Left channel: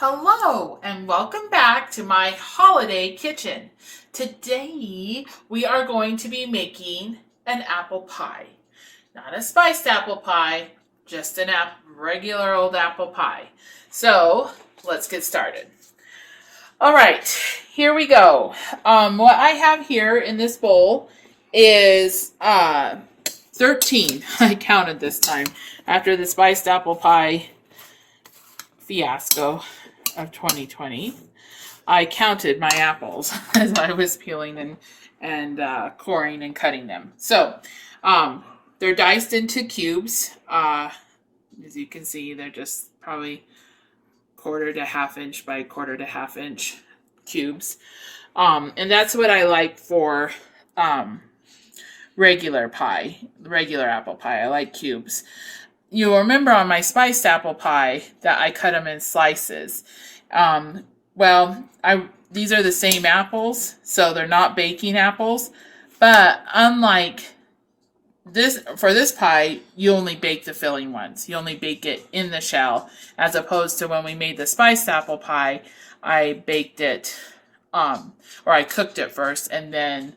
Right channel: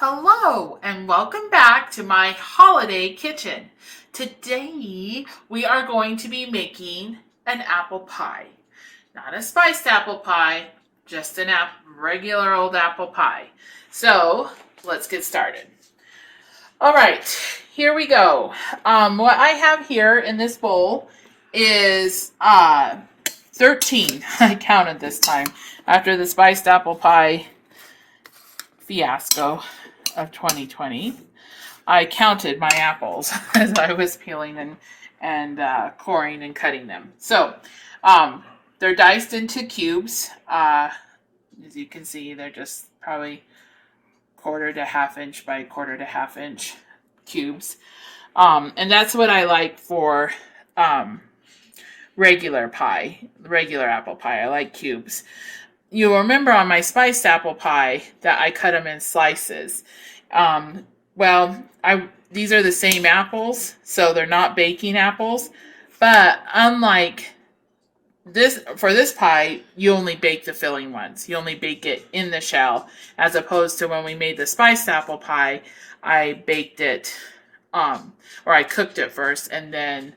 Hello and welcome back to my holiday kitchen. Today we are going to be making an apple pie. Not a spiced apple pie, just an regular old apple pie. So let's get started. All right, here we go. What I have here in this bowl is 13. I counted this time after the spiced apple pie fiasco of 2020. I counted my apples as I was peeling and coring and cutting them. So they're diced into cubes. As you can see, they're just probably quarter to half inch by quarter to half inch cubes. And that's what I like for regular apple pie. I like cubes. You'll remember on my spiced apple pie that I cut them in slices. These are the same apples, so they're not baking apples. But unlike this, for this pie, you only bake the filling ones. You only bake it in the shell, as opposed to when we made the spiced apple pie, I baked it, or I cooked it first, and then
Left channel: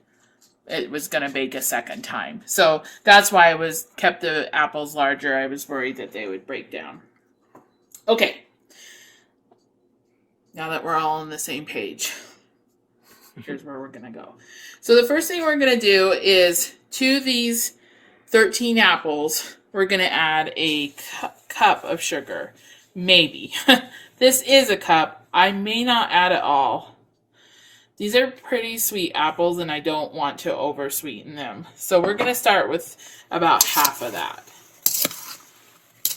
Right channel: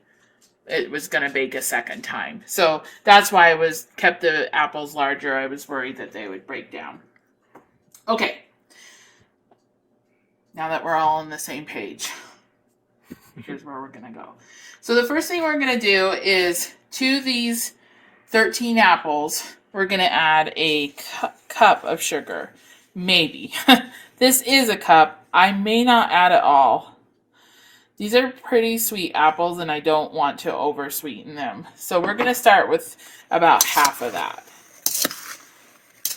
it was going to bake a second time. So that's why I kept the apples larger. I was worried that they would break down. Okay. Now that we're all on the same page, here's where we're going to go. So the first thing we're going to do is to these 13 apples, we're going to add a cup of sugar. Maybe. This is a cup. I may not add it all. These are pretty sweet apples, and I don't want to over-sweeten them. So we're going to start with about half of that.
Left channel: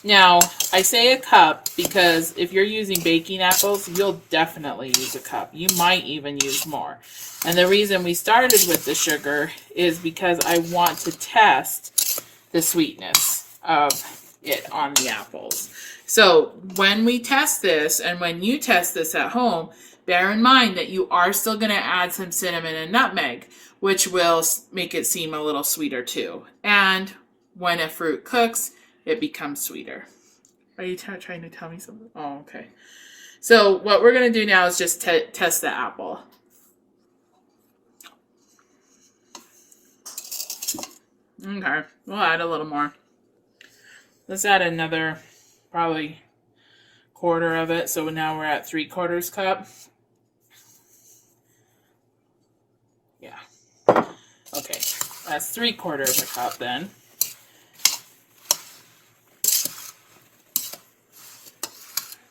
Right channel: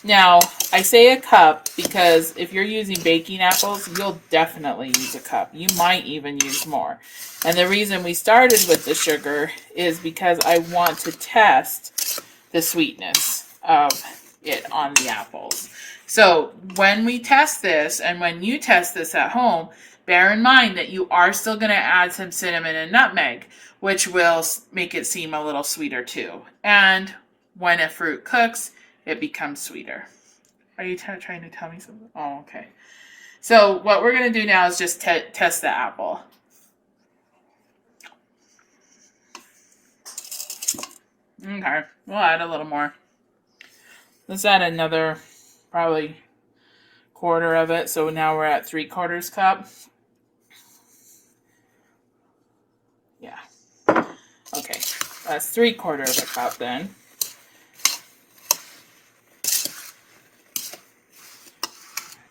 Now, I say a cup because if you're using baking apples, you'll definitely use a cup. You might even use more. And the reason we started with the sugar is because I want to test the sweetness of it on the apples. So when we test this, and when you test this at home, bear in mind that you are still going to add some cinnamon and nutmeg, which will make it seem a little sweeter too. And when a fruit cooks, it becomes sweeter. Are you trying to tell me something? Oh, okay. So what we're going to do now is just test the apple. Okay, we'll add a little more. Let's add another probably quarter of it. So now we're at 3/4 cup. Yeah. Okay, that's 3/4 cup then.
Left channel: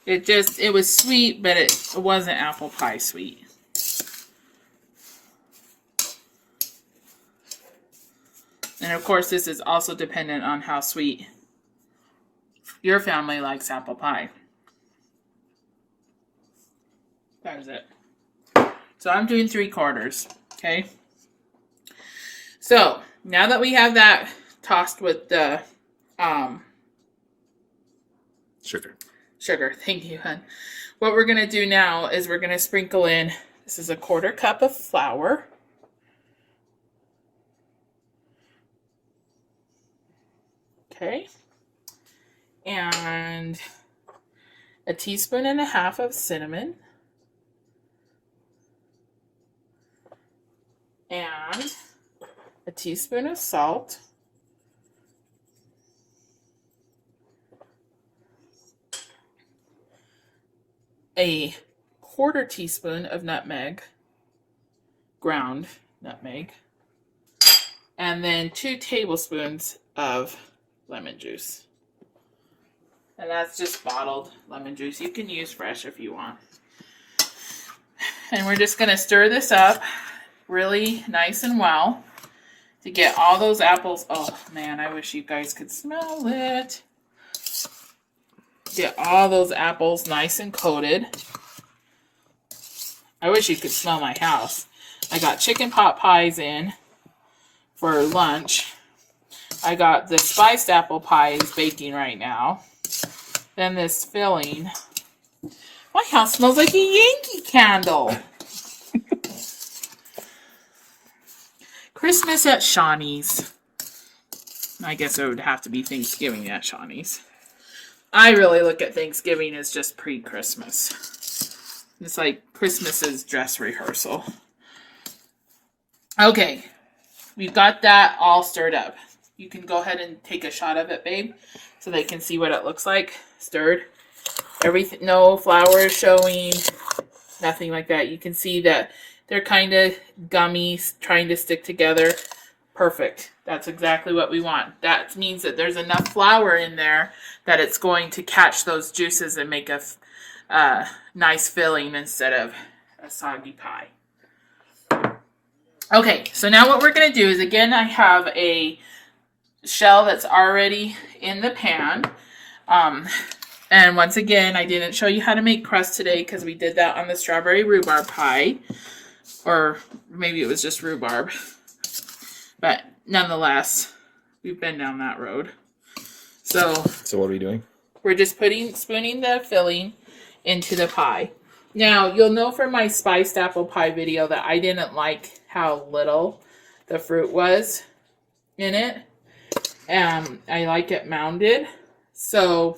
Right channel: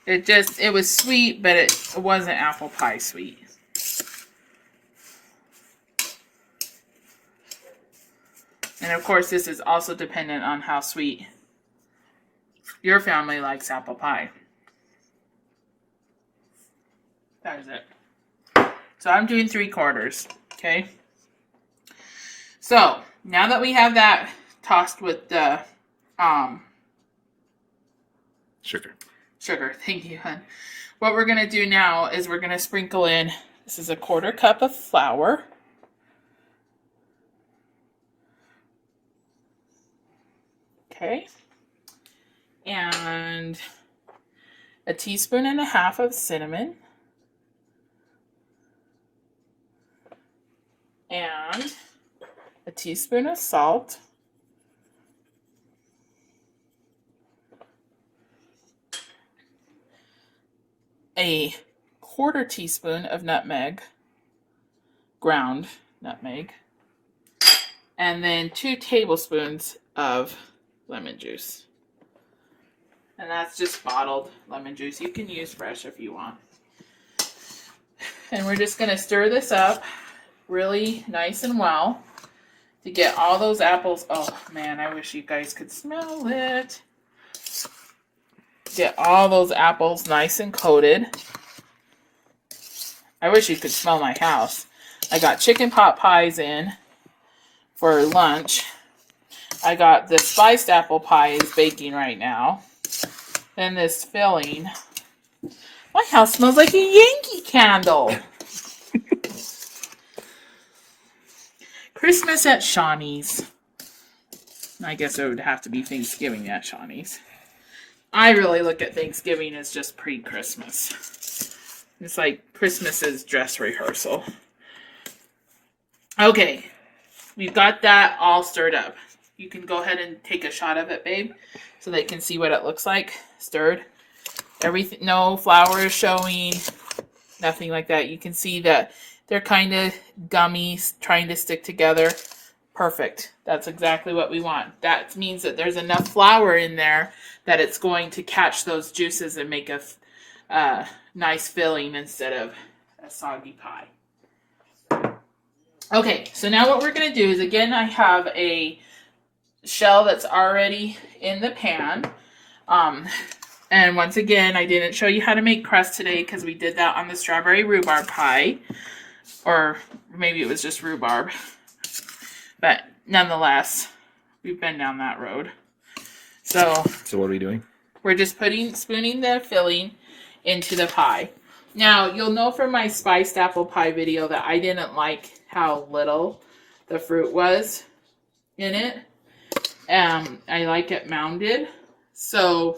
It was sweet, but it wasn't apple pie sweet. And of course, this is also dependent on how sweet your family likes apple pie. That is it. So I'm doing 3/4, okay? So now that we have that tossed with the sugar, thank you, hon. What we're gonna do now is we're gonna sprinkle in, this is a 1/4 cup of flour. Okay. And a 1.5 teaspoons of cinnamon. And a teaspoon of salt. A 1/4 teaspoon of nutmeg, ground nutmeg. And then 2 tablespoons of lemon juice. And that's just bottled lemon juice. You can use fresh if you want. And we're just going to stir this up really nice and well to get all those apples. Oh man, I wish you guys could smell it. Get all those apples nice and coated. I wish you could smell my house. I got chicken pot pies in for lunch. I got the spiced apple pie is baking right now. Then this filling. My house smells like a Yankee candle. Christmas at Shawnee's. I guess it would have to be Thanksgiving at Shawnee's. I really look at Thanksgiving as just pre-Christmas. It's like Christmas's dress rehearsal. Okay, we've got that all stirred up. You can go ahead and take a shot of it, babe, so they can see what it looks like. Stirred. Everything, no flour is showing, nothing like that. You can see that they're kind of gummy, trying to stick together. Perfect. That's exactly what we want. That means that there's enough flour in there that it's going to catch those juices and make a nice filling instead of a soggy pie. Okay, so now what we're going to do is, again, I have a shell that's already in the pan. And once again, I didn't show you how to make crust today because we did that on the strawberry rhubarb pie. Or maybe it was just rhubarb. But nonetheless, we've been down that road. So what are we doing? We're just spooning the filling into the pie. Now, you'll know from my spiced apple pie video that I didn't like how little the fruit was in it. I like it mounded. So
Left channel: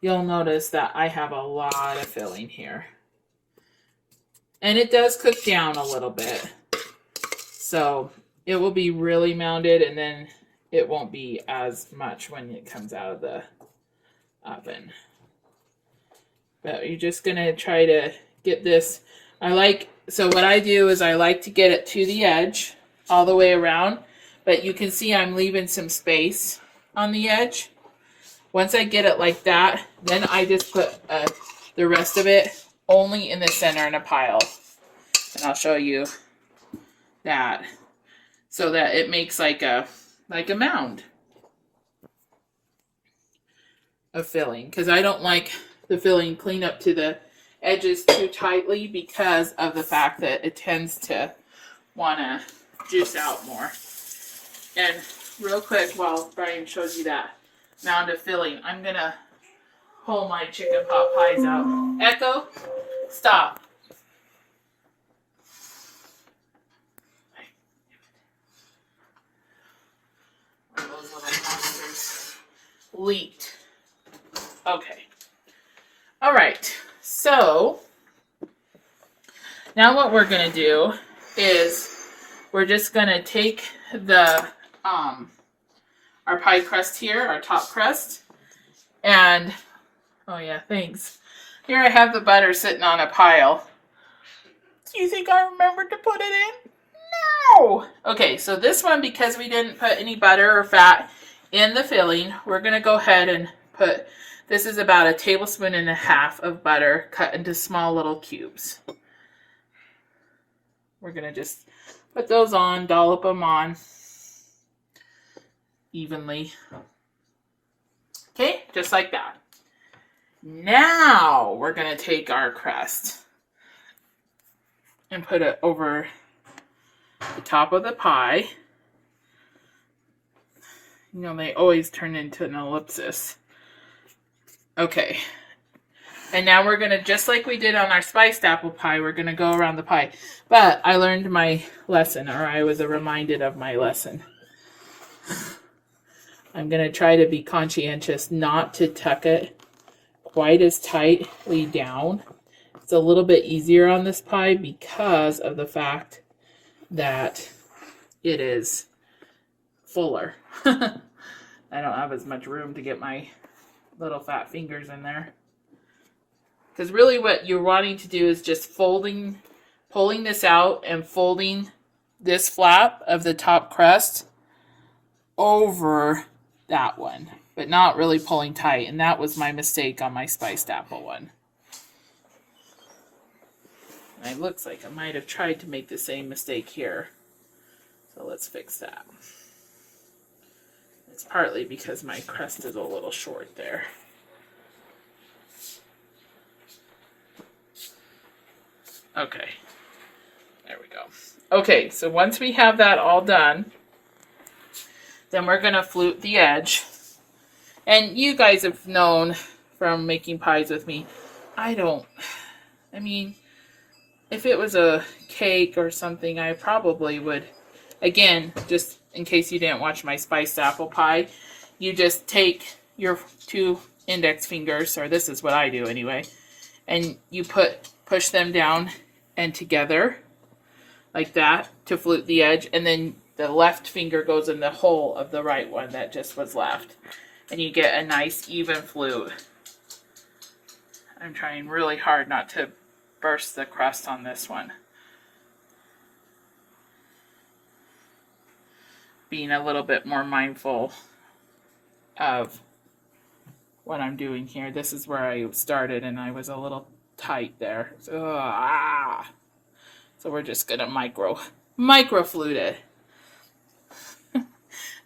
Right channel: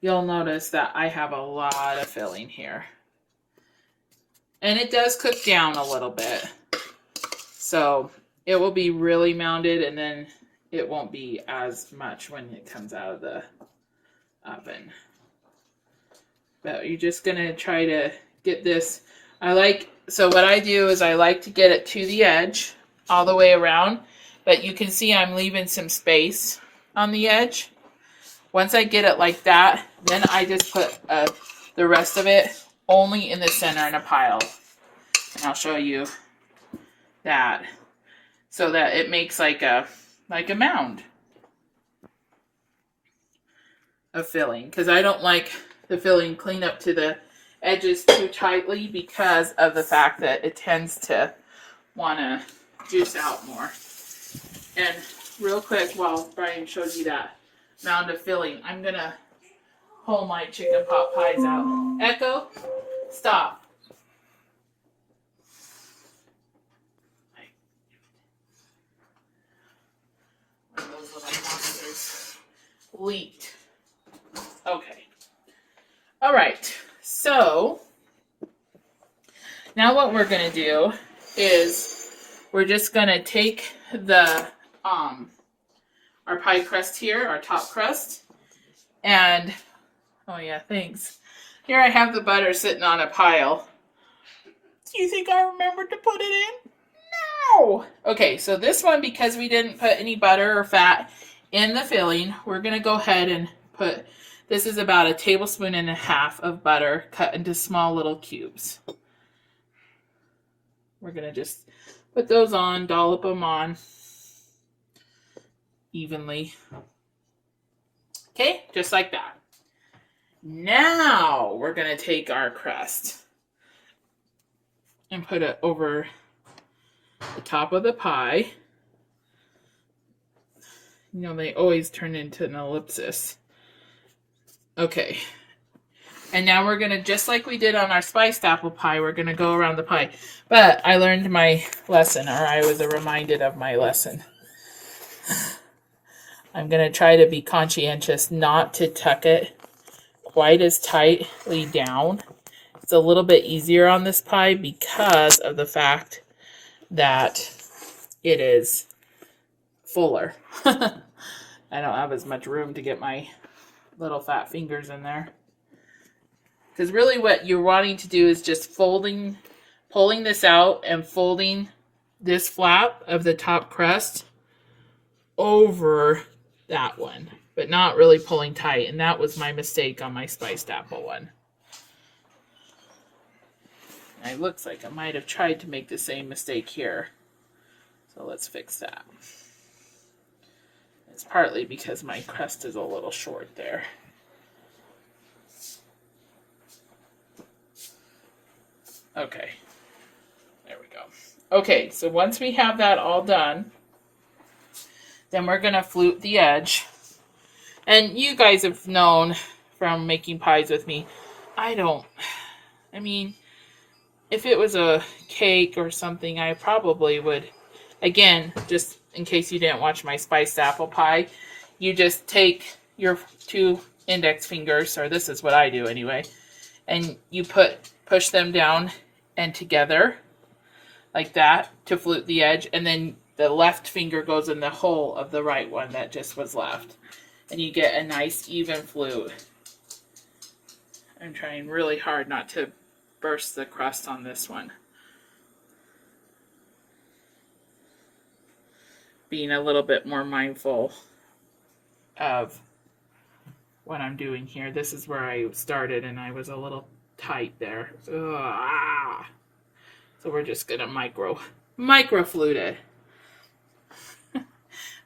you'll notice that I have a lot of filling here. And it does cook down a little bit. So it will be really mounded, and then it won't be as much when it comes out of the oven. But you're just going to try to get this. So what I do is I like to get it to the edge all the way around. But you can see I'm leaving some space on the edge. Once I get it like that, then I just put the rest of it only in the center in a pile. And I'll show you that. So that it makes like a mound of filling. Because I don't like the filling clean up to the edges too tightly because of the fact that it tends to want to juice out more. And real quick, while Brian shows you that mound of filling, I'm going to pull my chicken pot pies out. Echo, stop. One of those little monsters leaked. Okay. All right. So now what we're going to do is we're just going to take the our pie crust here, our top crust, and oh yeah, thanks. Here I have the butter sitting on a pile. Do you think I remembered to put it in? No! Okay, so this one, because we didn't put any butter or fat in the filling, we're going to go ahead and put, this is about 1.5 tablespoons of butter cut into small little cubes. We're going to just put those on, dollop them on evenly. Okay, just like that. Now we're going to take our crust and put it over the top of the pie. You know, they always turn into an ellipsis. Okay. And now we're going to, just like we did on our spiced apple pie, we're going to go around the pie. But I learned my lesson, or I was reminded of my lesson. I'm going to try to be conscientious not to tuck it quite as tightly down. It's a little bit easier on this pie because of the fact that it is fuller. I don't have as much room to get my little fat fingers in there. Because really what you're wanting to do is just pulling this out and folding this flap of the top crust over that one, but not really pulling tight. And that was my mistake on my spiced apple one. And it looks like I might have tried to make the same mistake here. So let's fix that. It's partly because my crust is a little short there. Okay, there we go. Okay, so once we have that all done, then we're going to flute the edge. And you guys have known from making pies with me, I mean, if it was a cake or something, I probably would, again, just in case you didn't watch my spiced apple pie, you just take your 2 index fingers, or this is what I do anyway, and you push them down and together like that to flute the edge, and then the left finger goes in the hole of the right one that just was left, and you get a nice even flute. I'm trying really hard not to burst the crust on this one. Being a little bit more mindful of what I'm doing here. This is where I started and I was a little tight there. So we're just gonna micro flute it.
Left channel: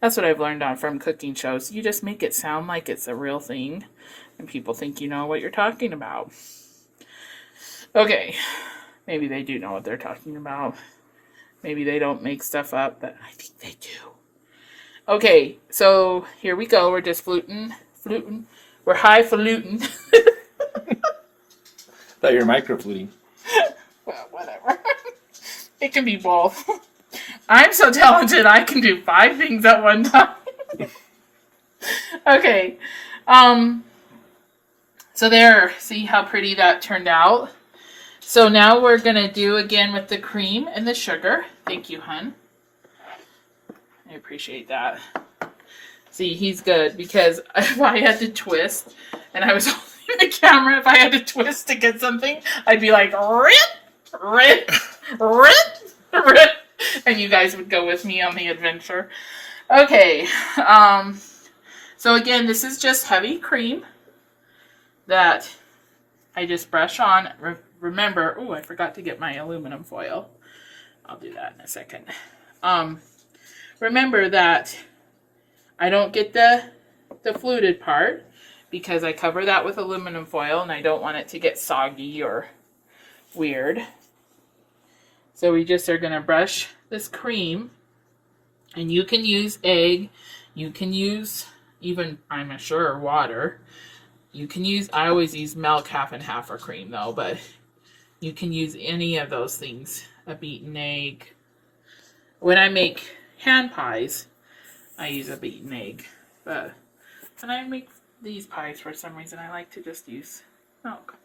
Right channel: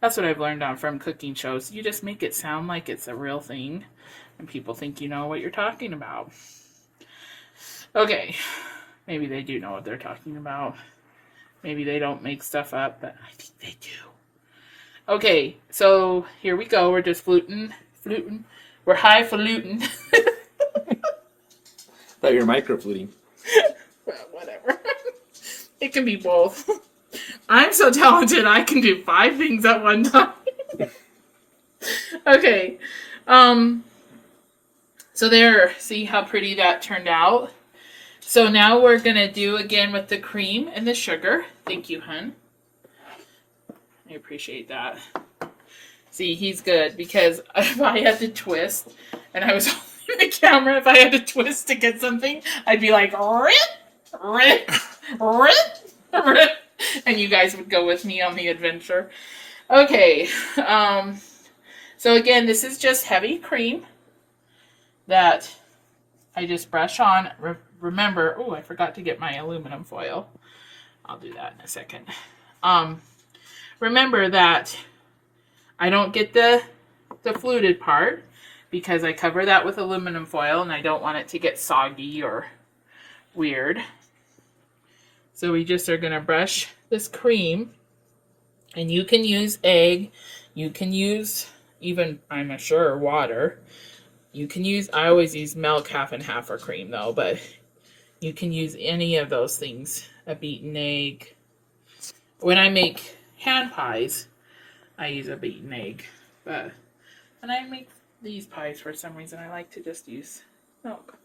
That's what I've learned from cooking shows. You just make it sound like it's a real thing and people think you know what you're talking about. Okay, maybe they do know what they're talking about. Maybe they don't make stuff up, but I think they do. Okay, so here we go. We're just fluting. We're highfalutin. Thought you were microfluting. Well, whatever. It can be both. I'm so talented, I can do 5 things at one time. Okay. So there, see how pretty that turned out? So now we're going to do again with the cream and the sugar. Thank you, hun. I appreciate that. See, he's good because if I had to twist and I was holding the camera, if I had to twist to get something, I'd be like, rip, and you guys would go with me on the adventure. Okay, so again, this is just heavy cream that I just brush on. Remember, oh, I forgot to get my aluminum foil. I'll do that in a second. Remember that I don't get the fluted part because I cover that with aluminum foil and I don't want it to get soggy or weird. So we just are going to brush this cream, and you can use egg, you can use even, I'm sure, water. You can use, I always use milk half and half for cream though, but you can use any of those things, a beaten egg. When I make hand pies, I use a beaten egg, but when I make these pies, for some reason, I like to just use milk.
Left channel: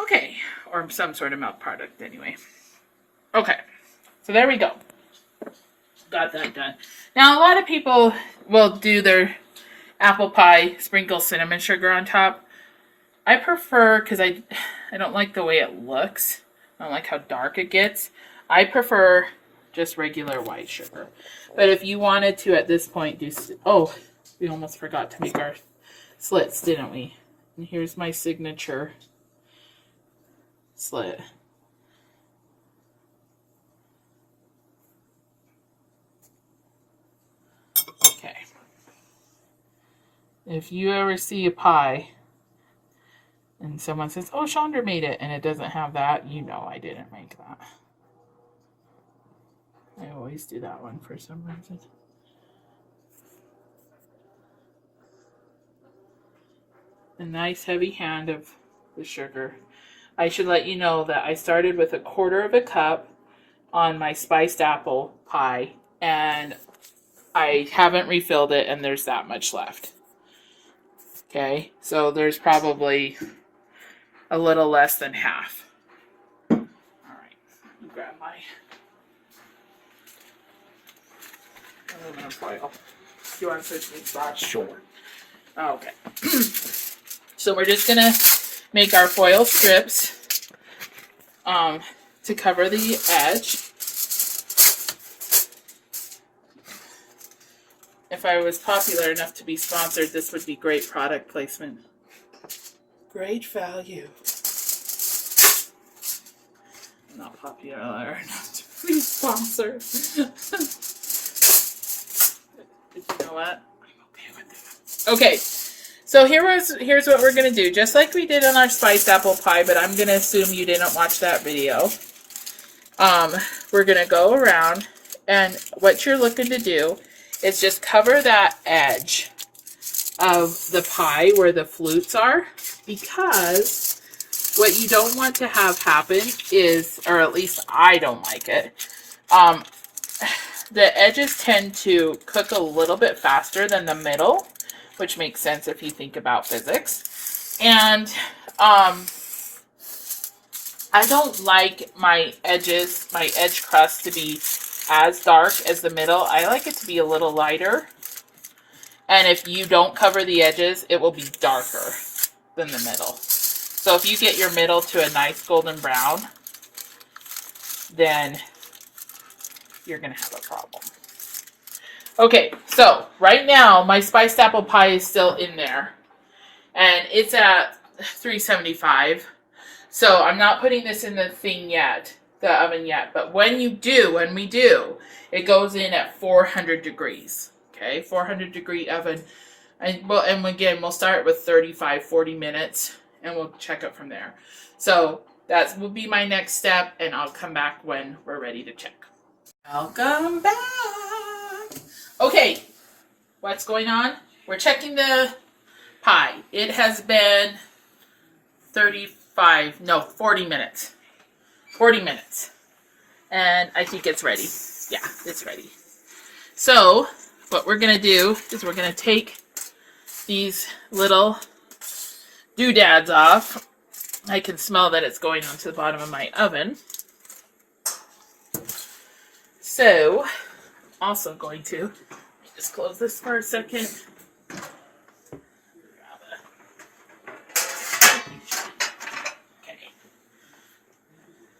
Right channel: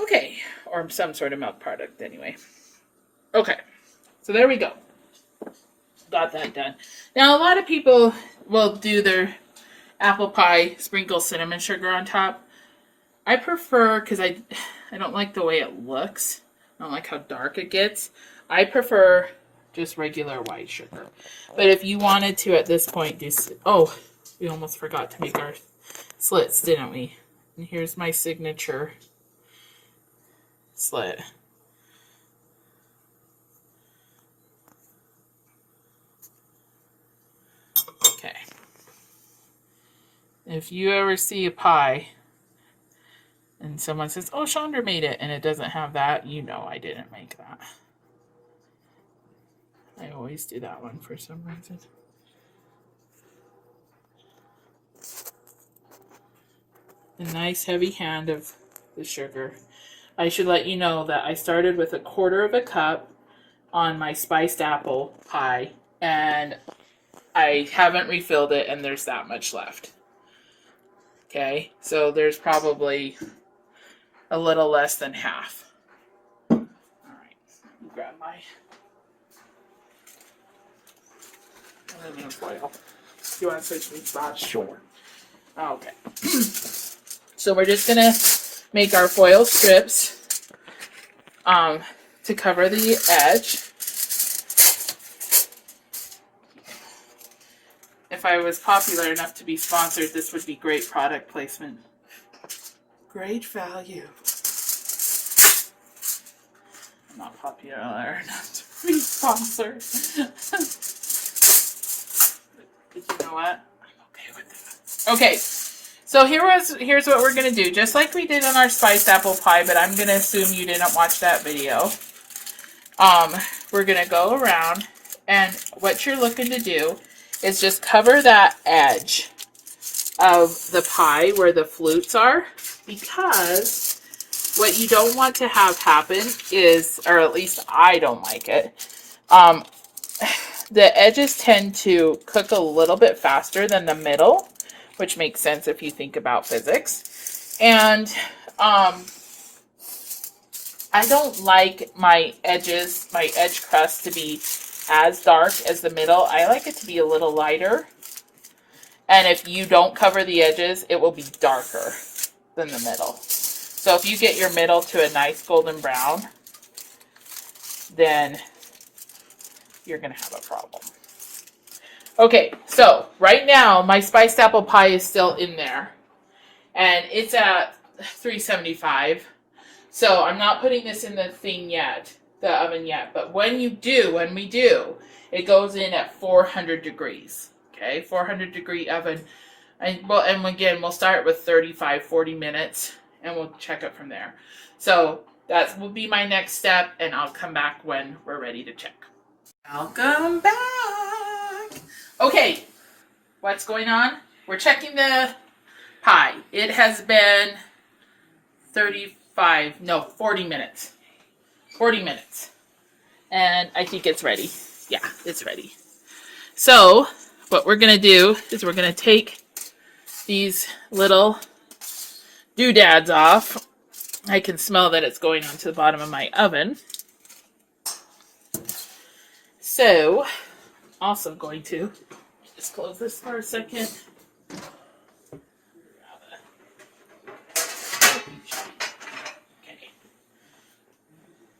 Okay, or some sort of milk product anyway. Okay, so there we go. Got that done. Now, a lot of people will do their apple pie, sprinkle cinnamon sugar on top. I prefer, because I don't like the way it looks. I don't like how dark it gets. I prefer just regular white sugar. But if you wanted to at this point do, oh, we almost forgot to make our slits, didn't we? And here's my signature slit. Okay. If you ever see a pie and someone says, oh, Chandra made it, and it doesn't have that, you know I didn't make that. I always do that one for some reason. A nice heavy hand of the sugar. I should let you know that I started with 1/4 cup on my spiced apple pie, and I haven't refilled it, and there's that much left. Okay, so there's probably a little less than half. All right, let me grab my aluminum foil. Do you want to switch me spots? Sure. Okay. So we're just gonna make our foil strips to cover the edge. If I was popular enough to be sponsored, this would be great product placement. Great value. I'm not popular enough to be sponsored. But you know what? I'm okay with that. Okay, so here's what we're going to do. Just like we did on our spiced apple pie, but I'm going to assume you didn't watch that video. We're going to go around, and what you're looking to do is just cover that edge of the pie where the flutes are, because what you don't want to have happen is, or at least I don't like it, the edges tend to cook a little bit faster than the middle, which makes sense if you think about physics. And I don't like my edges, my edge crust to be as dark as the middle. I like it to be a little lighter. And if you don't cover the edges, it will be darker than the middle. So if you get your middle to a nice golden brown, then you're going to have a problem. Okay, so right now my spiced apple pie is still in there. And it's at 375. So I'm not putting this in the thing yet, the oven yet. But when we do, it goes in at 400 degrees. Okay, 400 degree oven. And again, we'll start with 35, 40 minutes, and we'll check it from there. So that will be my next step, and I'll come back when we're ready to check. Welcome back. Okay, what's going on? We're checking the pie. It has been 40 minutes. 40 minutes. And I think it's ready. Yeah, it's ready. So what we're going to do is we're going to take these little doodads off. I can smell that it's going onto the bottom of my oven. So, also going to just close this for a second. Okay.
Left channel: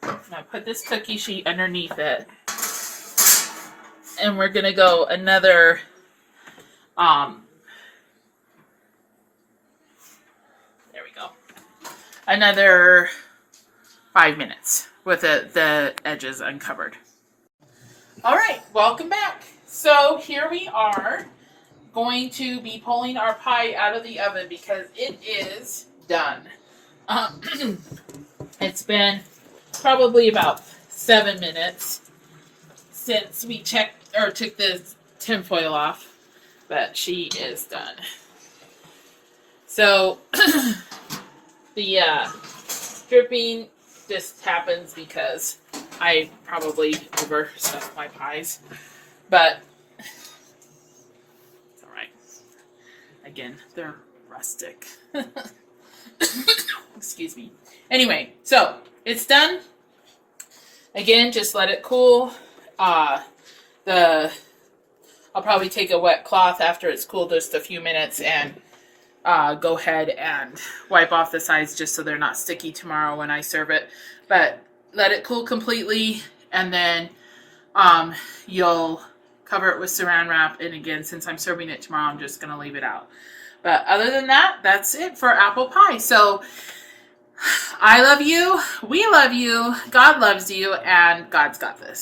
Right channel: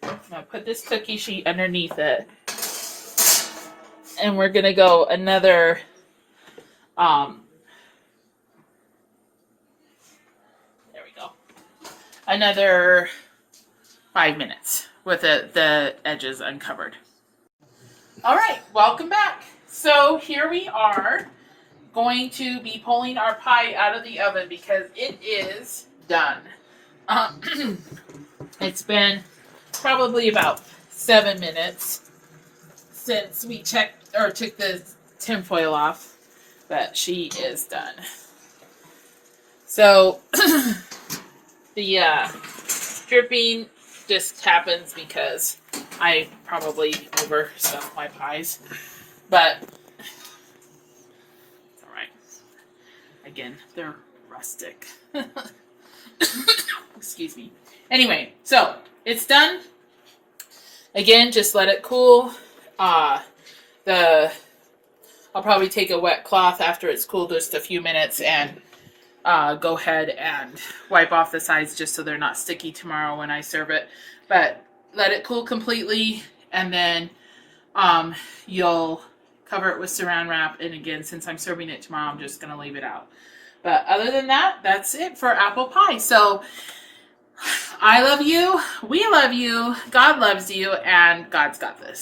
I'm going to put this cookie sheet underneath it. And we're going to go another there we go. Another 5 minutes with the edges uncovered. All right, welcome back. So here we are going to be pulling our pie out of the oven because it is done. It's been probably about 7 minutes since we checked or took the tinfoil off, but she is done. So the dripping just happens because I probably overstuffed my pies, but it's all right. Again, they're rustic. Excuse me. Anyway, so it's done. Again, just let it cool. I'll probably take a wet cloth after it's cooled just a few minutes and go ahead and wipe off the sides just so they're not sticky tomorrow when I serve it. But let it cool completely, and then you'll cover it with saran wrap. And again, since I'm serving it tomorrow, I'm just going to leave it out. But other than that, that's it for apple pie. So I love you, we love you, God loves you, and God's got this.